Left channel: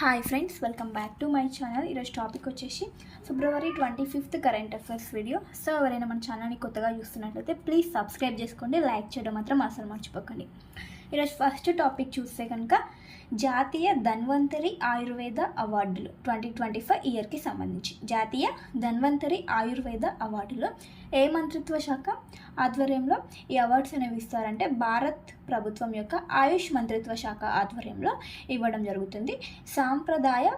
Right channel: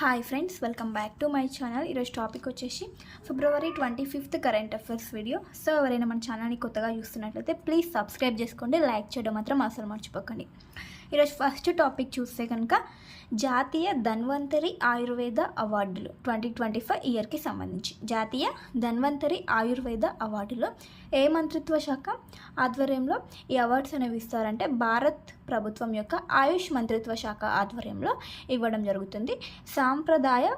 Hi friends, welcome back to my channel. ఈరోజు topic వచ్చేసి ఫిబ్రవరి 25th current affairs video. So ఎవరైనా మన ఛానల్ని కొత్తగా చూస్తున్నట్లయితే ప్లీజ్ సబ్స్క్రైబ్ చేసుకోండి, లైక్ చేయడం మాత్రం అసలు మర్చిపోకండి. ఈరోజు ఫస్ట్ టాపిక్ చూస్తే కనుక జాతీయ ధన్వంతరి ఆయుర్వేద అవార్డులు 2025 ఇయర్కి సంబంధించి జాతీయ ధన్వంతరి ఆయుర్వేద అవార్డులో ఏ మంత్రిత్వ శాఖ ఆధ్వర్యంలో ఈ అవార్డ్స్ అనేవి ఇస్తారంటే భారత్ ప్రభుత్వం యొక్క ఆయుష్ మంత్రిత్వ శాఖ ఆధ్వర్యంలో ఇవ్వడం జరుగుతుంది. సాంప్రదాయ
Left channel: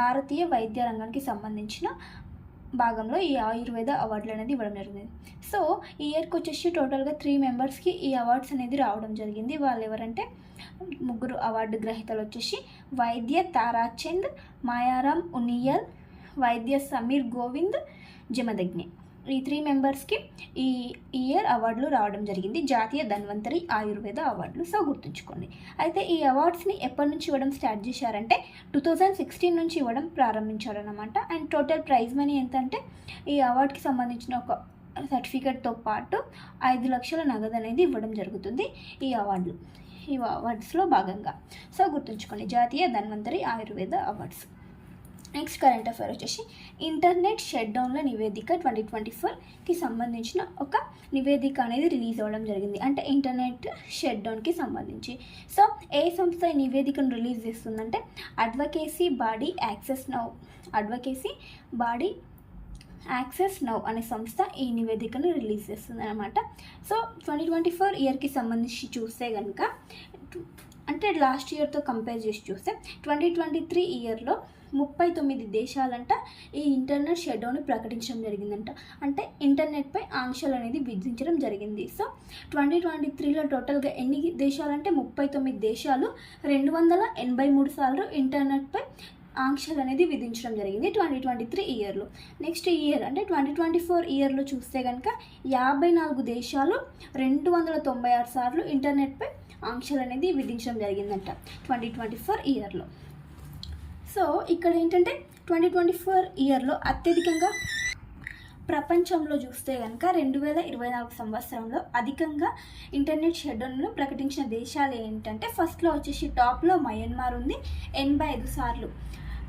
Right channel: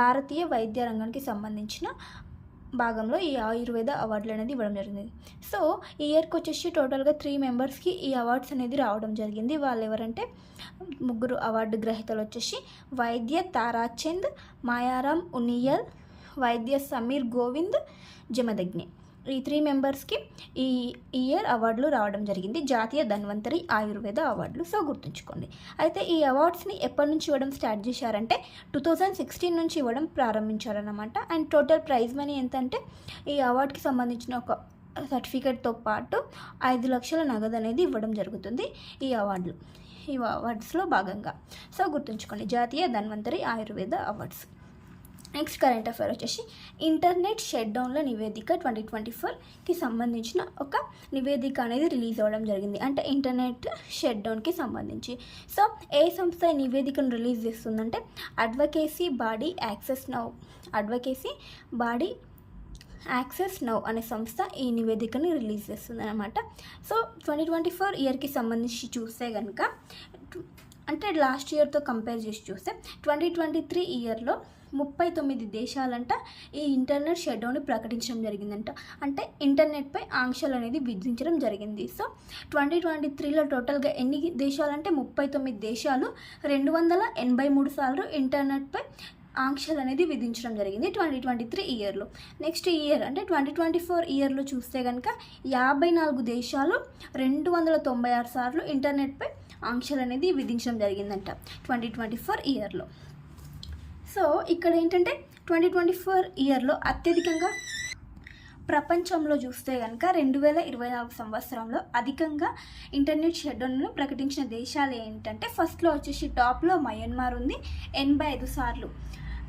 భారతీయ వైద్య రంగానికి సంబంధించిన భాగంలో ఈ ఆయుర్వేద అవార్డులు అనేది ఇవ్వడం జరిగింది. సో ఈ ఇయర్కి వచ్చేసి టోటల్గా 3 మెంబర్స్కి ఈ అవార్డ్స్ అనేది రావడం జరిగింది. వాళ్ళు ఎవరంటే 3 అవార్డు గ్రహీతలు వచ్చేసి వైద్య తారాచంద్, మాయారామ్ ఉనియల్, వైద్య సమీర్ గోవింద్ జమదగ్ని. ఈ 3 మెంబర్స్కి ఈ ఇయర్ అవార్డులు రావడం జరిగింది, జాతీయ ధన్వంతరి ఆయుర్వేద అవార్డులు. సో గుర్తుంచుకోండి. అయితే ఈ అవార్డ్స్ని ఎప్పటి నుంచి ఇవ్వడం స్టార్ట్ చేశారంటే 2016 నుంచి ఇవ్వడం ప్రారంభించారన్నమాట. అండ్ టోటల్ ప్రైజ్ మనీ ఎంత అంటే ఈ అవార్డుకి సంబంధించిన ఒక సర్టిఫికేట్తో పాటు 5 లక్షల నగదు అనేది ఇవ్వడం జరుగుతుంది ఈ అవార్డ్స్లో భాగంగా. సో గుర్తుంచుకోండి, జాతీయ Dhanvantari Ayurveda awards. Next current affair వచ్చేసి ఇంటర్నెట్ షట్ డౌన్ల నివేదిక 2024కి సంబంధించిన ఒక నివేదిక అనేది రిలీజ్ అవ్వడం జరిగింది. అంటే ఇంటర్నెట్ షట్ డౌన్కి సంబంధించి. సో ఏ సంస్థ ఈ నివేదికను రిలీజ్ చేస్తుందంటే అడ్వకేసీ బాడీ యాక్సెస్ నౌ అనే సంస్థ ఈ నివేదికను రిలీజ్ చేస్తుంది అనమాట. సో 2024 ఇయర్కి సంబంధించి చూస్తే కనుక అంటే లాస్ట్ ఇయర్తో కంపేర్ చేసి చూస్తే 2023 ఇయర్లో 39 దేశాలంట ఈ ఇంటర్నెట్ షట్ డౌన్ని ప్రకటించడం జరిగిందంట. అంటే ఇంటర్నెట్పై ఆంక్షలు అనేది విధించడం జరిగింది. సో 2023లో టోటల్గా ఎన్ని దేశాలంటే 39 దేశాలు 283 సార్లు ఇంటర్నెట్పై ఆంక్షలు అనేది విధించడం జరిగింది 2023 ఇయర్లో. నెక్స్ట్ ఇయర్ అంటే 2024 ఇయర్లో చూస్తే కనుక 54 దేశాలు 296 సార్లు ఇంటర్నెట్పై ఆంక్షలు అనేది విధించడం జరిగిందంట 2024 ఇయర్లో. సో ఇక్కడ ఏంటంటే 2024 ఇయర్లో అత్యధికంగా ప్రపంచంలో చూస్తే కనుక 2024 సంవత్సరంలో అధికంగా ఇంటర్నెట్ షట్డౌన్ను ప్రకటించిన దేశాలు ఏంటంటే ఫస్ట్లో వచ్చేసి టాప్లో మయన్మార్ ఉంది, 85 సార్లు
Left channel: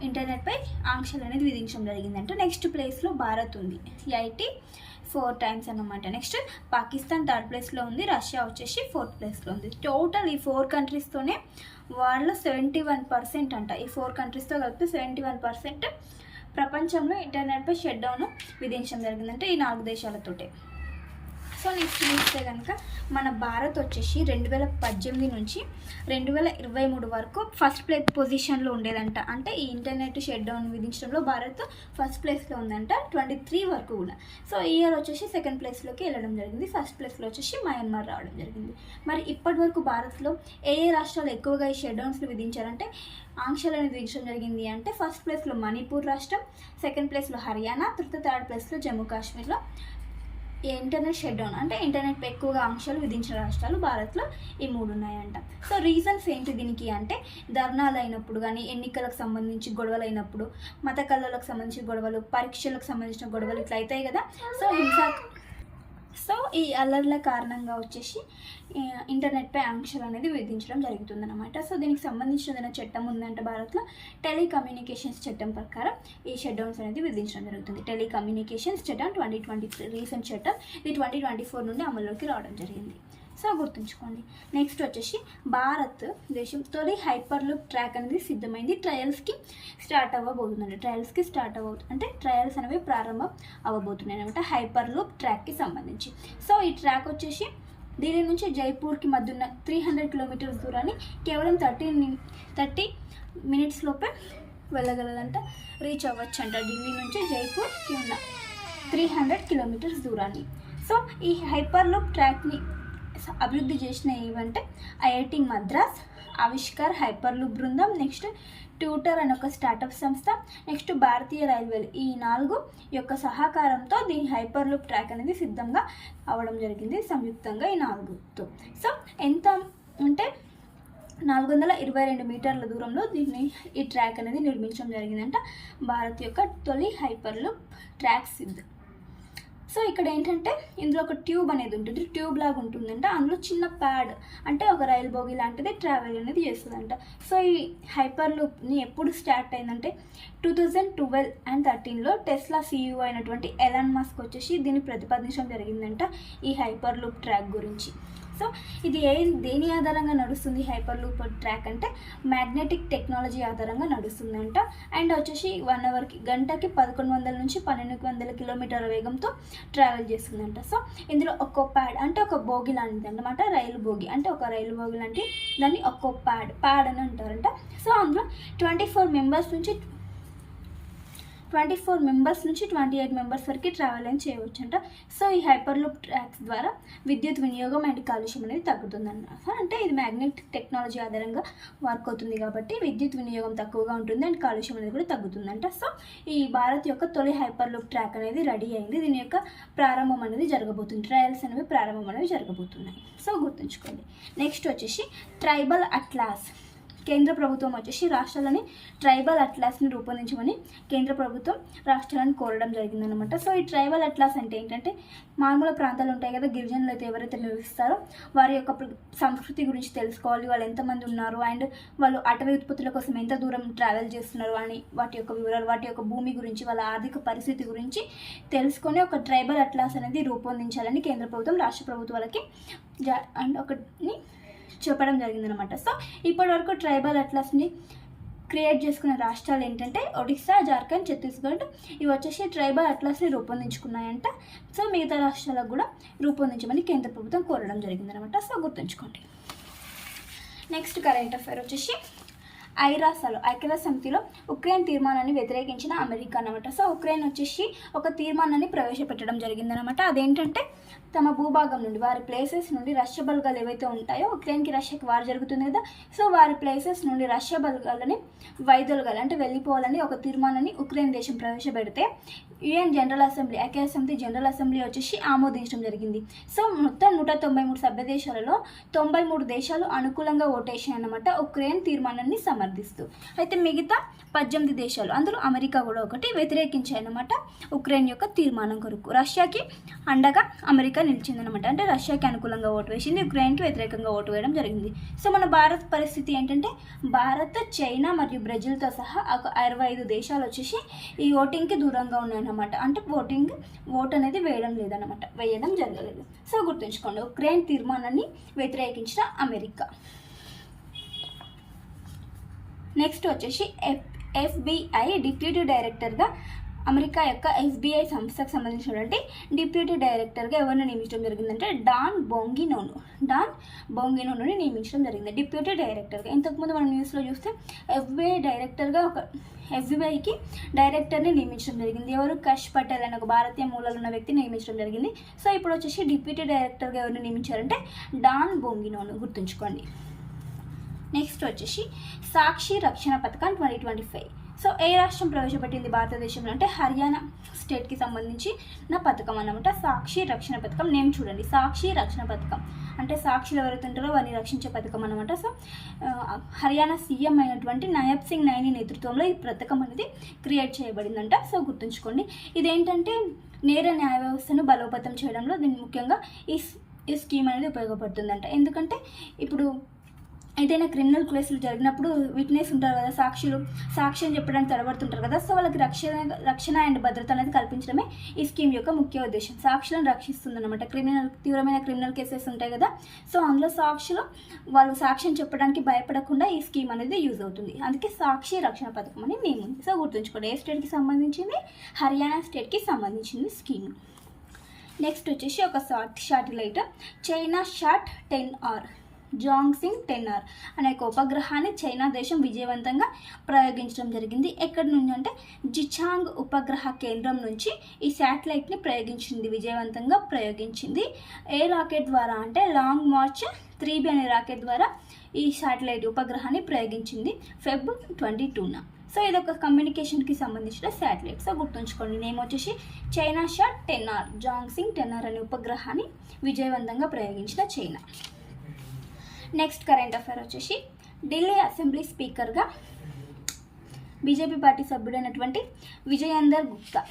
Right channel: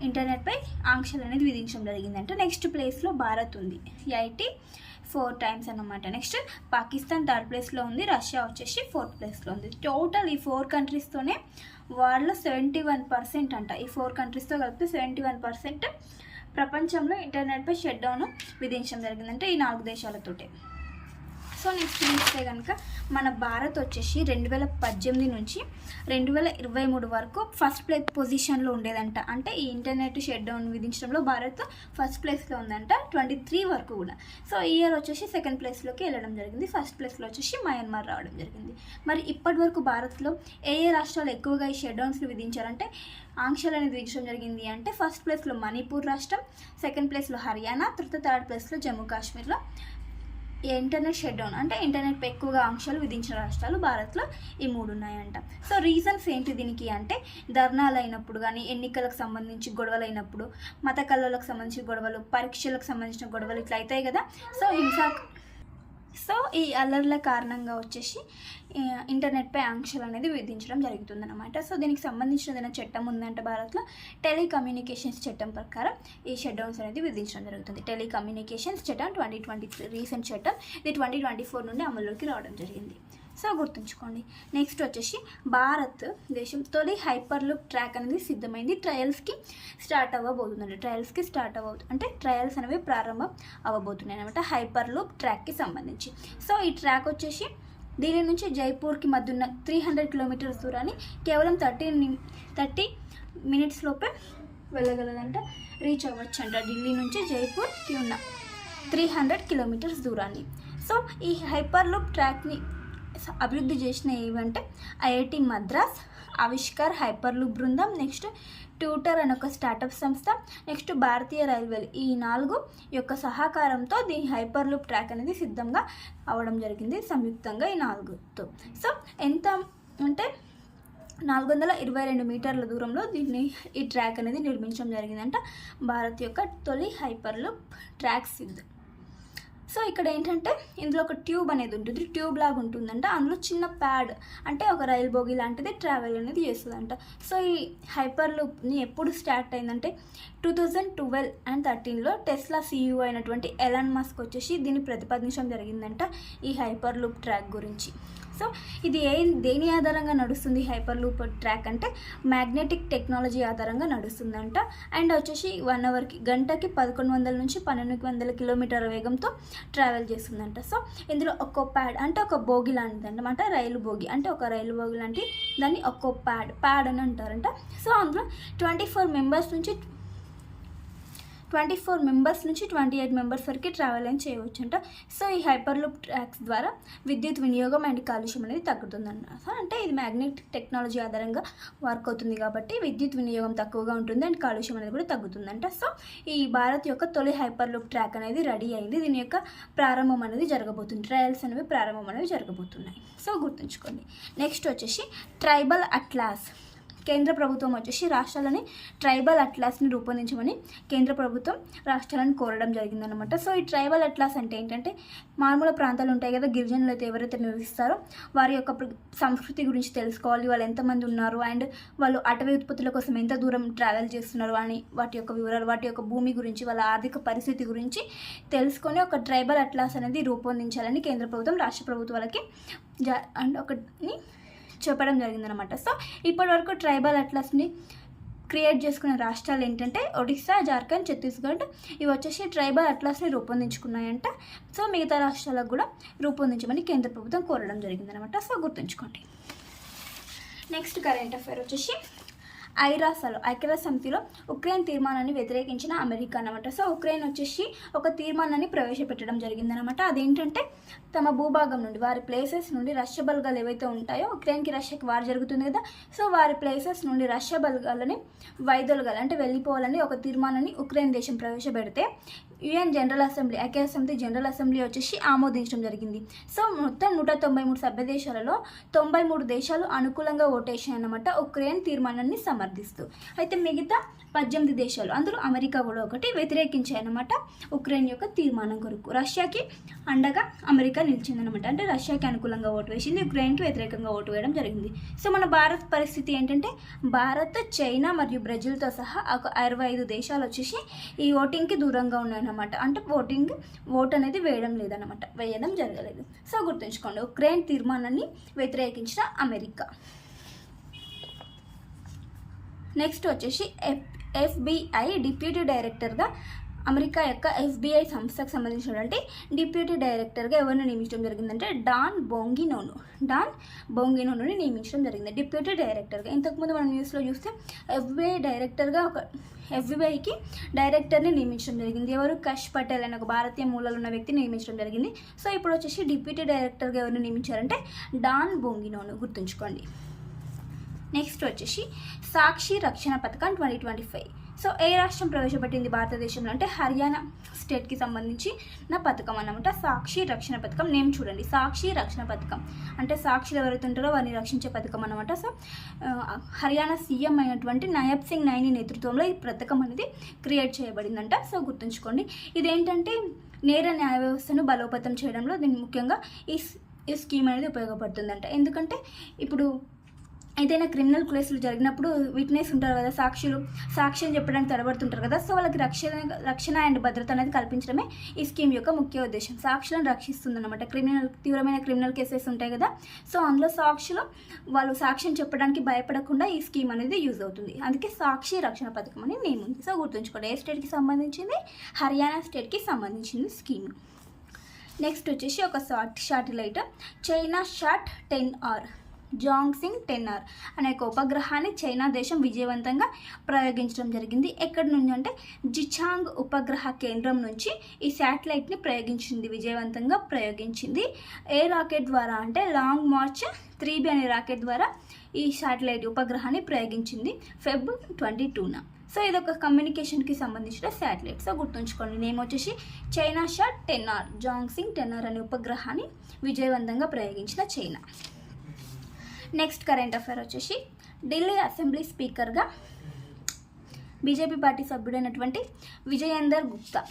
ఇంటర్నెట్పై ఆంక్షలు అనేది విధించడం జరిగిందంటే. నెక్స్ట్ ప్లేస్లో భారత్ ఉంది, 84 టైమ్స్ అన్నమాట. నెక్స్ట్ పాకిస్తాన్ 3rd ప్లేస్లో ఉంది, రష్యా వచ్చేసి 4th ప్లేస్లో ఉంది. టోటల్ ఈ 4 కంట్రీస్తోనే వాళ్ళ 71% అంట. ఈ 4 కంట్రీస్తో కలిపి 71% ప్రపంచంలో ఇంటర్నెట్పై షట్ డౌన్ విధించడం జరిగిందంటే ఈ 4 దేశాలతోటే. సో నెక్స్ట్ చూస్తే కనుక మన భారత్ వచ్చేసి 2018 నుంచి 2023 వరకు ఫస్ట్ పొజిషన్లో ఉండేదంట. అంటే ఈ ఇంటర్నెట్ షట్ డౌన్ విధించడంలో భారత్ ఫస్ట్ ప్లేస్లో ఉందంట 23 వరకు కూడా. సో ఈ ఇయర్ వచ్చేసి 2nd ప్లేస్లోకి వెళ్ళడం జరిగింది. ఫస్ట్ ప్లేస్లో వచ్చేసి మయన్మార్ రావడం జరిగింది. మరి ఇప్పటి వరకు భారత్లో ఏ రాష్ట్రాలు ఎక్కువగా ఈ షట్ డౌన్స్ని విధించారంటే ఆంక్షలు అనేది విధించడం జరిగింది అంటే ఫస్ట్ ప్లేస్లో మణిపూర్ రాష్ట్రం, 2nd ప్లేస్లో హర్యానా, 3rd ప్లేస్లో జమ్మూ కాశ్మీర్లో ఇంటర్నెట్ షట్ డౌన్ అంటే ఇంటర్నెట్పై ఎక్కువగా ఆంక్షలు విధించిన రాష్ట్రాలు భారత్లో ఈ 3 ఉన్నాయంట. సో రీజన్స్ ఏంటి దీనికి అంటే ధర్నాలు అయినప్పుడు కానీ, ఎన్నికలకు సంబంధించి గొడవలు అయినప్పుడు, మత కళలకు సంబంధించిన గొడవలు, పరీక్షలకు సంబంధించిన గొడవలు ఇట్లా అవుతాయి కదా. సో ఈ అల్లర్ల కారణంగా వచ్చేసి ఇంటర్నెట్పై ఆంక్షలు అనేది విధించడం జరుగుతుందన్నమాట. సో దీనికి సంబంధించిన ఏదైనా చట్టం ఉందంటే భారత్లో టెలికమ్యూనికేషన్స్ చట్టం ప్రకారం ఈ షట్ డౌన్స్ అనేది విధించడం జరుగుతుంది. టెలికమ్యూనికేషన్స్ చట్టం 2023 రీసెంట్ చట్టం, ఇది 2024 నుండి అమల్లోకి రావడం జరిగింది. సో గుర్తుంచుకోండి. నెక్స్ట్ వచ్చేసి భారత్ దేశం తొలి హైపర్ లూప్ ట్రాక్ అనేది సిద్ధమైంది, ట్రయల్స్కి స్టార్ట్ అవ్వబోతుంది. అంటే ట్రయల్స్ అనేవి ప్రారంభం అవ్వబోతున్నాయి అనమాట హైపర్ లూప్ ట్రాక్కి సంబంధించి. సో ఈ ట్రాక్ వచ్చేసి ఢిల్లీ నుంచి జైపూర్కి మధ్య ఉన్న 300 కిలోమీటర్స్ దూరాన్ని కేవలం 30 మినిట్స్ లోపే వెళ్ళగలదంట, రీచ్ అవ్వచ్చు అంట ఢిల్లీ నుంచి జైపూర్కి ఉన్న 300 కిలోమీటర్స్ దూరాన్ని. సో ఈ హైపర్ లూప్ ట్రాక్ని అభివృద్ధి చేసిన ఏవంటే IIT Madras, Avishkar hyper loop బృందం, నెక్స్ట్ ట్యూటర్ అనే ఒక స్టార్టప్ సంస్థ, నెక్స్ట్ భారతీయ రైల్వేలు, ఈ 4 యొక్క సహకారంతో దీని హైపర్ లూప్ ట్రాక్ అనేది సిద్ధంగా అవ్వడం జరిగింది సంయుక్తంగా ఈ 4తో. సో ఎంత అంటే 422 మీటర్ల దూరంలో ఈ ట్రాక్ అనేది నిర్మించడం జరిగిందంట. భారత్ యొక్క తొలి హైపర్ లూప్ ట్రాక్ సో ఇక్కడ ఏంటంటే ఇందులో ఒక ట్యూబ్ అనేది ఉంటుంది, ట్యూబ్ లాగా ఉంటుందంట. అందులో చిన్న ప్యాడ్ అంటే ఒక రైలు బోగి లాంటిది ట్రావెల్ అనేది చేస్తుందంట. సో ఈ హైపర్ లూప్ని ఎప్పుడు స్టార్ట్ అయిందంటే 2012 and 2013లో టెస్లా CEO అయినటువంటి ఎలాన్ మస్క్ వచ్చేసి దీన్ని ప్రతిపాదించడం జరిగిందంట ఈ హైపర్ లూప్ ట్రాక్ గురించి. సో ఇది దేని ఆధారంగా నడుస్తుంది హైపర్ లూప్ ట్రాక్ అంటే మ్యాగ్నెటిక్ టెక్నాలజీ ఆధారంగా నడుస్తుందంట. అండ్ వచ్చేసి 1 అవర్కి గంటకి 1100 నుంచి 1200 కిలోమీటర్ల వేగంతో ట్రావెల్ చేస్తుందంట. సో ఇందులో ఒక్కో ప్యాడ్ అంటే ఒక బోగి లాంటిది అనమాట, రైలు బోగి అంటే ఒక రైలు బోగి లాంటి దాన్ని ఒక్కో ప్యాడ్ అని అంటారంట. సో అందులో 24 మెంబర్స్ నుంచి 28 మెంబర్స్ వరకు ట్రావెల్ అని చేయవచ్చంట. సో ఈ హైపర్ లూప్ ట్రాక్స్ ద్వారా విద్యుత్ వినియోగం అండ్ కాలుష్యం అనేది తగ్గుతుందన్నమాట. అంటే ఇది మ్యాగ్నెటిక్ టెక్నాలజీ ఆధారంగా వర్క్ అవుతుంది కాబట్టి విద్యుత్ వినియోగం తక్కువగా ఉంటుంది అండ్ కాలుష్యం అనేది కూడా తగ్గుతుందంట. సో ఈ భారత్ యొక్క తొలి హైపర్ లూప్ ట్రాక్ అనేది రెడీ అయింది. దీని యొక్క ప్రారంభం అనేది జరగబోతుంది, ట్రయల్స్ అనేవి ప్రారంభం అనేవి జరగబోతున్నాయి. సో గుర్తుంచుకోండి. నెక్స్ట్ వచ్చేసి ట్రైబల్ అట్లాస్. కేంద్ర ప్రభుత్వం వచ్చేసి రాష్ట్రాలని ట్రైబల్ అట్లాస్ని రూపొందించమని కేంద్ర ప్రభుత్వం రాష్ట్రాలను కోరడం జరిగిందనమాట. సో ఈ ట్రైబల్ అట్లాస్ అంటే ఏంటంటే మారుమూల ప్రాంతాలు ఉంటాయి కదా, గిరిజనులు అయితే ఎవరైతే నివసిస్తారో వారి యొక్క సంస్కృతి గురించి తెలుసుకోవాలి, వాళ్ళు ఎంతమంది ఉన్నారు అండ్ వాళ్ళు అటవీ ఉత్పత్తుల కోసం ఎంత దూరం ట్రావెల్ చేస్తున్నారు అని వాటి యొక్క వివరాలు, వాటి యొక్క భూమి గురించి, వాళ్ళ ఆర్థిక పరిస్థితి గురించి తెలుసుకొని ఒక ట్రైబల్ అట్లాస్ అనేది రూపొందించాలని కేంద్ర ప్రభుత్వం రాష్ట్ర ప్రభుత్వాలకి అండ్ ఒకటి చెప్పడం జరిగిందనమాట. సో ఇప్పటివరకు ట్రైబల్ అట్లాస్ని క్రియేట్ చేసుకున్న రాష్ట్రాలు ఏంటంటే ఒడిస్సా, జార్ఖండ్, ఛత్తీస్గఢ్ ఇవి వచ్చేసి ట్రైబల్ అట్లాస్ని రూపొందించుకున్నాయంట. సో మిగతా రాష్ట్రాలకు కూడా రూపొందించమని కేంద్ర ప్రభుత్వం కోరడం జరిగిందనమాట. సో గుర్తుంచుకోండి. నెక్స్ట్ కరెంట్ అఫైర్ వచ్చేసి ఐక్యరాజ్య సమితిలో ఉక్రెయిన్ తీర్మానాన్ని వ్యతిరేకించిన అమెరికా అనమాట. సో ఉక్రెయిన్ వచ్చేసి ఒక తీర్మానాన్ని ప్రవేశపెట్టడం జరిగిందనమాట. అదేంటంటే తమ భూభాగం నుండి, వారి ప్లేసెస్ నుండి రష్యా బలగాలు ఏవైతే ఉంటాయో, ఉక్రెయిన్కి రష్యాకి వార్ జరుగుతుంది కదా, సో వారి ప్లేసెస్ నుండి రష్యా బలగాలని వైదొలగాలి అంటే వెళ్ళిపోవాలని ఒక తీర్మానాన్ని ఉక్రెయిన్ దేశం ప్రవేశపెడితే యుఎన్ జనరల్ అసెంబ్లీ, ఐక్యరాజ్య సమితి జనరల్ అసెంబ్లీ వచ్చేసి ఆమోదించడం జరిగింది. సో మొత్తం 193 సభ్య దేశాలలో 93 దేశాలు అనుకూలంగా ఓటేసాయి అన్నమాట ఉక్రెయిన్ తీర్మానాన్ని సమర్థిస్తూ. అయితే మిగతా 18 దేశాలు, అందులో అమెరికా కూడా ఒకటి, వ్యతిరేకించాయన్నమాట ఉక్రెయిన్ యొక్క తీర్మానం కొరకు. రష్యాకి అండగా అమెరికా నిలిచిందనమాట. అంటే రష్యాకి అనుకూలంగా ఓటు వేసింది, ఉక్రెయిన్కి వ్యతిరేకంగా ఓటు వేయడం జరిగింది. సో మన భారత్ పరిస్థితి ఏంటంటే భారత్, చైనా మరియు బ్రెజిల్తో సహా ఒక 65 దేశాలు వచ్చేసి ఈ ఓటింగ్కి దూరంగా ఉన్నాయన్నమాట. అంటే ఓట్ అనేది వేయడం జరగలేదు. సో గుర్తుంచుకోండి, ఉక్రెయిన్ తీర్మానాన్ని వ్యతిరేకించిన అమెరికా. నెక్స్ట్ వచ్చేసి FBI డిప్యూటీ డైరెక్టర్గా అమెరికా యొక్క FBI సంస్థకు సంబంధించినటువంటి డిప్యూటీ డైరెక్టర్గా ఎవరిని నియమించడం జరిగిందంటే డాన్ బోంగినోని నియమించడం జరిగింది డిప్యూటీ డైరెక్టర్గా. ఇంతకుముందు మనం న్యూస్లో చూస్తే FBIకి డైరెక్టర్ని నియమించడం జరిగింది. ఎవరు? కష్ పటేల్ అనే ఒక భారతీయ మూలాలు ఉన్న వ్యక్తిని నియమించడం జరిగింది. సో ఇప్పుడు వచ్చేసి డిప్యూటీ డైరెక్టర్గా ఎవరిని నియమించారంటే డాన్ బోంగినోను, గుర్తుంచుకోండి. నెక్స్ట్ వచ్చేసి సాక్షి రక్షణ పథకం 2025. సో ఏ రాష్ట్రం ప్రవేశపెట్టింది భారతదేశంలో అంటే హర్యానా స్టేట్కి సంబంధించిన పథకం అన్నమాట. సాక్షి రక్షణ పథకం నేమ్ చూడండి, సాక్షి రక్షణ పథకం అంటే సాక్షులు ఎవరైతే ఉంటారో వారిని రక్షించే పథకం అన్నమాట. సో హర్యానా సీఎం అయినటువంటి నాయబ్ సింగ్ నైని నేతృత్వంలో ఈ పథకం అనేది క్రియేట్ చేయబడిందంట. సో గుర్తుంచుకోండి, ఇదేంటంటే నేర న్యాయ వ్యవస్థను బలోపేతం చేయడంలో దీన్ని ముఖ్యంగా ఈ స్కీమ్ అనేది ఉపయోగపడుతుందంట. ఎందుకంటే ఇప్పుడు ఏదైనా క్రిమినల్ కేసులు జరిగినప్పుడు విట్నెస్ ఉంటారు కదా, సాక్ష్యం చెప్పడానికి తడబడుతుంటారు కదా, సో వాళ్ళకి రక్షణ అండ్ భద్రత అనేది కల్పించడమే ఈ స్కీమ్ యొక్క ముఖ్య ఉద్దేశం. సాక్షులను రక్షిస్తుందన్నమాట. తీవ్రమైన క్రిమినల్ కేసెస్ ఉంటాయి కదా, సో అందులో వాళ్ళు సాక్ష్యం చెప్పడానికి భయపడకుండా ఈ స్కీమ్ అనేది యూజ్ అవుతుంది. అందుకే సాక్షి రక్షణ పథకం అని నేమ్ ఉంది. సో గుర్తుంచుకోండి, ఏ స్టేట్కి సంబంధించింది? హర్యానా స్టేట్కి సంబంధించింది స్కీమ్. నెక్స్ట్ వచ్చేసి ఒక satellite China shot 10R జాంగ్సింగ్ 10R అనే ఒక ఉపగ్రహాన్ని చైనా దేశం విజయవంతంగా ప్రయోగించడం జరిగింది. ఎక్కడి నుంచి అంటే జిచాంగ్ ఉపగ్రహ కేంద్రం నుంచి ఈ శాటిలైట్ని విజయవంతంగా ప్రయోగించింది. ఏ రాకెట్ ద్వారా అంటే లాంగ్ మార్చ్ 3B అనే రాకెట్ ద్వారా ఈ శాటిలైట్ ఉపగ్రహాన్ని ప్రయోగించింది Feb 22న. సో ఇది ఒక కమ్యూనికేషన్కి సంబంధించిన శాటిలైట్. సో గుర్తుంచుకోండి, నేమ్ వచ్చేసి చైనా షాట్ 10R జాంగ్సింగ్ 10R అనే ఉపగ్రహాన్ని విజయవంతంగా ప్రయోగించిన చైనా. నెక్స్ట్ కరెంట్ అఫైర్ వచ్చేసి ఢిల్లీ అసెంబ్లీ స్పీకర్గా బీజేపీ పార్టీ సభ్యుడైనటువంటి విజయేందర్ గుప్తా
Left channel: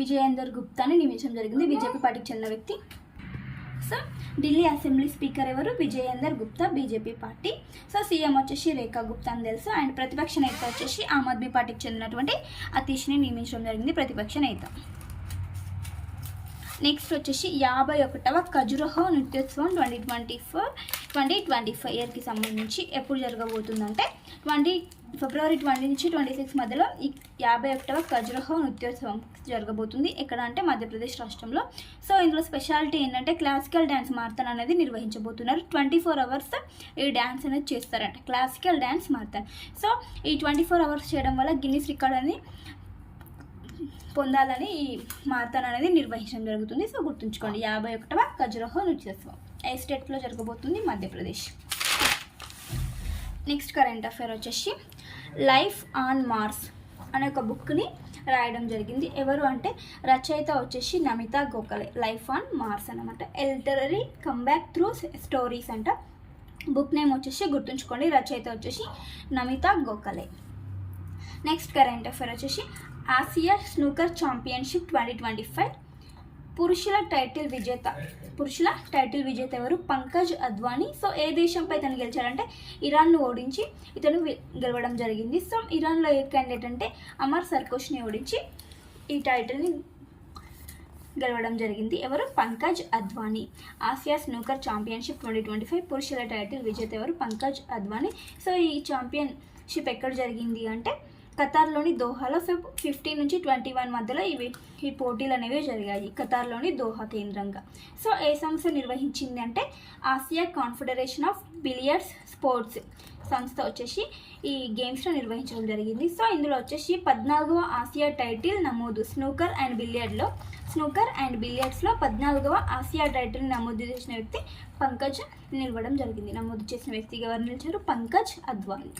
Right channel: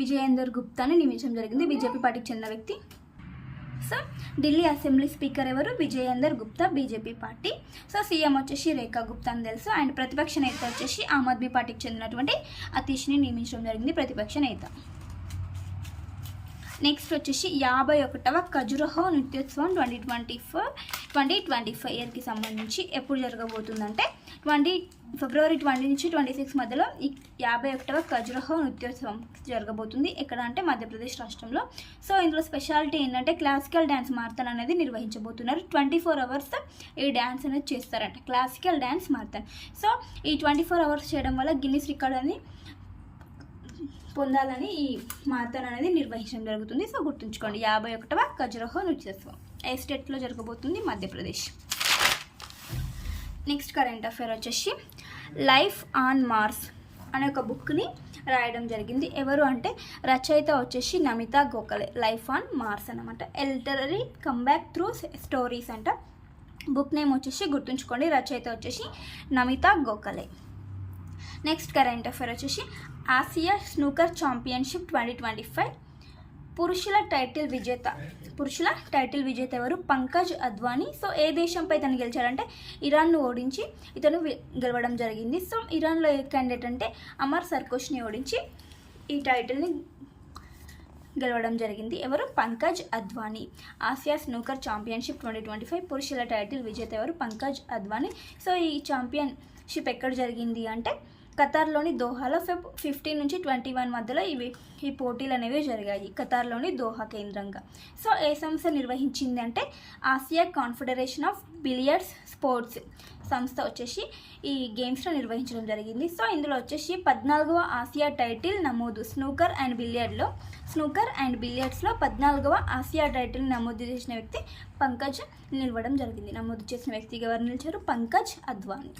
విజయేందర్ గుప్తాని నియమించడం జరిగింది, బీజేపీ పార్టీకి చెందిన వ్యక్తి. సో ఢిల్లీ అసెంబ్లీ స్పీకర్ ఎవరు? Vijayender Gupta, BJP party. So CM వచ్చేసి రేఖా గుప్తా అని తెలుసు. అండ్ ప్రతిపక్ష నేత వచ్చేసి ఆమ్ ఆద్మీ పార్టీకి చెందినటువంటి అతీష్ని నియమించడం జరిగింది ప్రతిపక్ష నేత. నెక్స్ట్ వచ్చేసి 51వ ఖజురహో నృత్యోత్సవం 2024 ఇయర్కి సంబంధించి ఎప్పుడు జరగబోతుందంటే ఫిబ్రవరి 20 నుంచి 26 మధ్యలో ఈ 51వ ఖజురహో నృత్యోత్సవం జరగబోతుంది. ఎక్కడ అంటే మధ్యప్రదేశ్ రాష్ట్రంలో. సో ఇందులో స్పెషాలిటీ ఏంటంటే క్లాసికల్ డ్యాన్స్ మారథాన్ అనేది నిర్వహించబోతున్నారు. 24 అవర్స్ ఈ డ్యాన్స్ అనేది చేస్తారంట, క్లాసికల్ డ్యాన్స్ మారథాన్. సో ఈ 24 అవర్స్ చేయడం వల్ల గిన్నిస్ రికార్డ్ అని పొందాలని ఈ మారథాన్ అనేది నిర్వహించడం జరుగుతుంది. సో గుర్తుంచుకోండి, 51వ ఖజురహో నృత్యోత్సవం ఏ స్టేట్లో జరగబోతుంది? మధ్యప్రదేశ్. నెక్స్ట్ కరెంట్ అఫైర్ వచ్చేసి లైఫ్ ఆన్ మార్స్ అనే ఒక బుక్ని రాయడం జరిగింది. ఎవరు అంటే రచయిత వచ్చేసి Namita Gokhale. Life on Mars అనమాట. ఎల్టరీ కమ్బ్యాక్ త్రూ స్టోరీస్ అంట. బుక్ నేమ్ వచ్చేసి గుర్తుంచుకోండి, రచయిత వచ్చేసి Namita Gokhale. Next current affair వచ్చేసి ఆసియా స్నూకర్ ఛాంపియన్షిప్ 2025 పురుషుల టైటిల్ విజేత ఎవరు? పంకజ్ అద్వానీ. సో ఏ దేశంపై ఇతను గెలిచాడంటే ఇరాన్ను ఓడించి ఇతను గెలవడం జరిగింది. సో ఇరాన్లో ఏ క్యాండిడేట్ అంటే అమర్ సర్కోష్ని ఓడించి ఈ టైటిల్ని గెలవడం జరిగింది. ఎవరు? Pankaj Advani. Asia snooker championship 2025 పురుషుల టైటిల్ విజేత ఎవరు? పంకజ్ అద్వానీ. సో ఈ ఛాంపియన్షిప్ ఎక్కడ జరిగింది అంటే ఖతార్లోని దోహాలో ఫెబ్ 15 నుంచి 21 మధ్యలో ఈ పోటీలు అనేవి జరిగాయి, ఖతార్లోని దోహా కేంద్రంగా. సో ఏ సంస్థ నిర్వహించింది అంటే Asia confederation of billiards sports సంస్థ వచ్చేసి ఈ గేమ్స్లో నిర్వహించడం జరిగింది. సో ఇందులో వచ్చేసి 14వ ఆసియా టైటిల్ నమోదు స్నూకర్ అండ్ బిలియర్డ్స్లో 14వ ఆసియా టైటిల్ నమోదు చేసిన వ్యక్తి పంకజ్ నిలవడం జరిగింది. నమోదు చేసిన వ్యక్తిగా ఎవరు నిలిచారు? Pankaj Advani.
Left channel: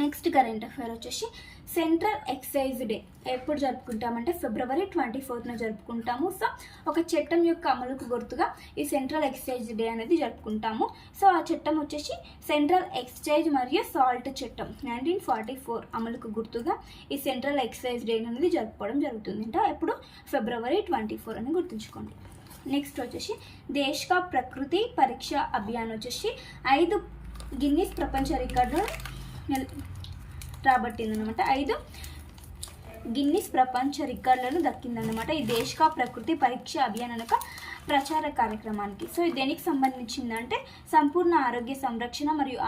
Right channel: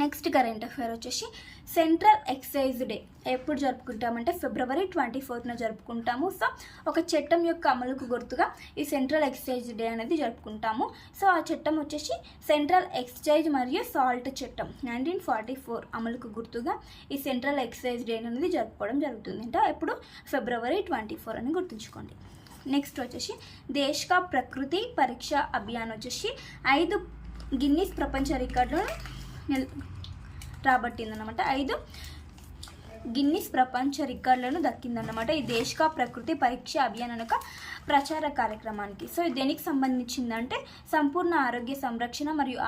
Next current affair వచ్చేసి సెంట్రల్ ఎక్సైజ్ డే ఎప్పుడు జరుపుకుంటామంటే ఫిబ్రవరి 24న జరుపుకుంటాము. సో ఒక చట్టం యొక్క అమలుకు గుర్తుగా ఈ సెంట్రల్ ఎక్సైజ్ డే అనేది జరుపుకుంటాము. సో ఆ చట్టం వచ్చేసి సెంట్రల్ ఎక్సైజ్ మరియు సాల్ట్ చట్టం 1944 అమలుకు గుర్తుగా ఈ సెంట్రల్ ఎక్సైజ్ డే అనేది జరుపుకోవడం జరుగుతుంది. అంటే ఎప్పుడు? ఫిబ్రవరి 24 అని గుర్తుంచుకోండి. నెక్స్ట్ వచ్చేసి దేశ్ కా ప్రకృతి పరీక్ష అభియాన్ వచ్చేసి 5 గిన్నిస్ ప్రపంచ రికార్డులను రాబట్టిందనమాట. 5 గిన్నిస్ ప్రపంచ రికార్డులను దక్కిందన్నమాట ఈ దేశ్ కా ప్రకృతి పరీక్ష అభియాన్ అనే ఒక ప్రచార కార్యక్రమానికి. సో ఇది దేనికి సంబంధించిందంటే సంపూర్ణ ఆరోగ్య సంరక్షణ మరియు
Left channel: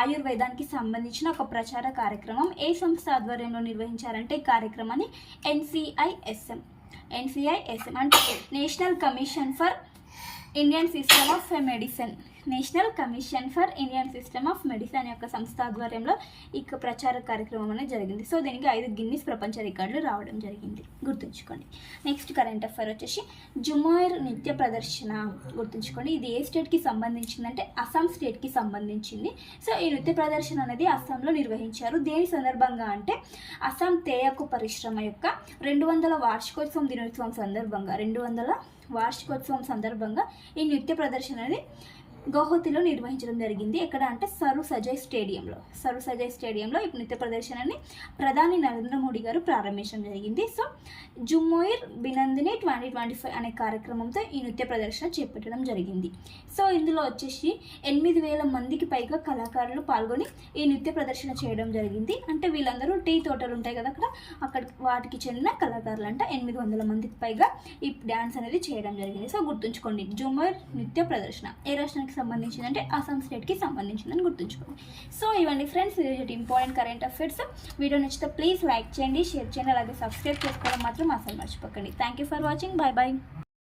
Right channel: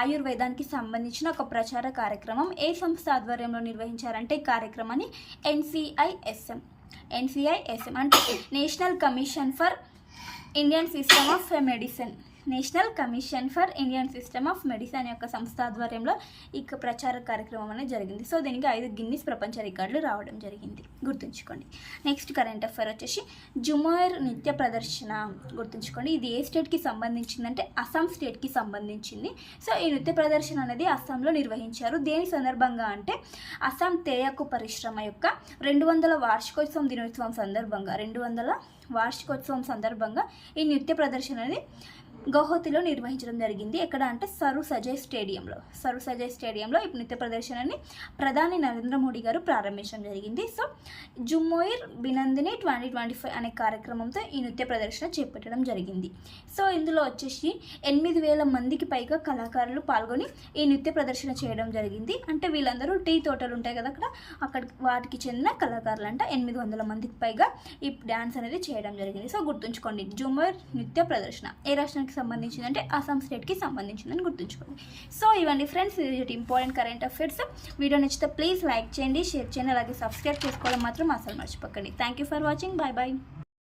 ఆయుర్వేదానికి సంబంధించిన ఒక ప్రచార కార్యక్రమం. ఏ సంస్థ ఆధ్వర్యంలో నిర్వహించారంటే ఈ కార్యక్రమాన్ని NCISM అంటే national commission for Indian system of medicine యొక్క సంస్థ ఆధ్వర్యంలో ఈ ప్రచార కార్యక్రమం అనేది జరిగింది. సో దీనికి 5 గిన్నిస్ ప్రపంచ రికార్డులు రావడం జరిగింది, గుర్తుంచుకోండి. నెక్స్ట్ కరెంట్ అఫైర్ వచ్చేసి జుమోర్ నృత్య ప్రదర్శన గుర్తుంచుకోండి. ఇది ఏ స్టేట్కి సంబంధించిందంటే అస్సాం స్టేట్కి సంబంధించింది. సో ఈ నృత్య ప్రదర్శన అనేది అస్సాంలో నిర్వహించారు. దేని సందర్భంగా అంటే అస్సాం తేయాకు పరిశ్రమ యొక్క 200వ వార్షికోత్సవం దినోత్సవం సందర్భంగా ఈ నృత్య ప్రదర్శన అనేది గౌహతిలో నిర్వహించడం జరిగింది. ఎక్కడ అంటే సరు సజయ్ స్టేడియంలో ఈ నృత్య ప్రదర్శనని ప్రధాని నరేంద్ర మోడీ గారు ప్రారంభించడం జరిగింది. సో జుమోయిర్ బినందిని 2025 అనే కార్యక్రమంతో ఈ నృత్య ప్రదర్శన చేపట్టడం జరిగింది. సో ఇందులో వచ్చేసి 8,000 మందికి పైగా కళాకారులు పాల్గొని ఈ నృత్య ప్రదర్శన చేయడం జరిగింది. అంటే వీళ్ళందరూ టీ తోటలు ఉంటాయి కదా అక్కడ వాటికి చెందిన కళాకారులు అంట. 800 మందికి పైగా ఈ డ్యాన్స్ అనేది చేయడం జరిగింది. సో గుర్తుంచుకోండి, జుమోయిర్ నృత్య ప్రదర్శన ఏ రాష్ట్రానికి సంబంధించిందంటే అస్సాం స్టేట్కి సంబంధించిందని గుర్తుంచుకోండి. సో ఇవన్నీ friends important current affairs. Video నచ్చితే ప్లీజ్ లైక్ చేయండి, షేర్ చేయండి, అలాగే సబ్స్క్రైబ్ చేసుకోవడం మాత్రం అసలు మర్చిపోకండి. Thank you for watching. Bye.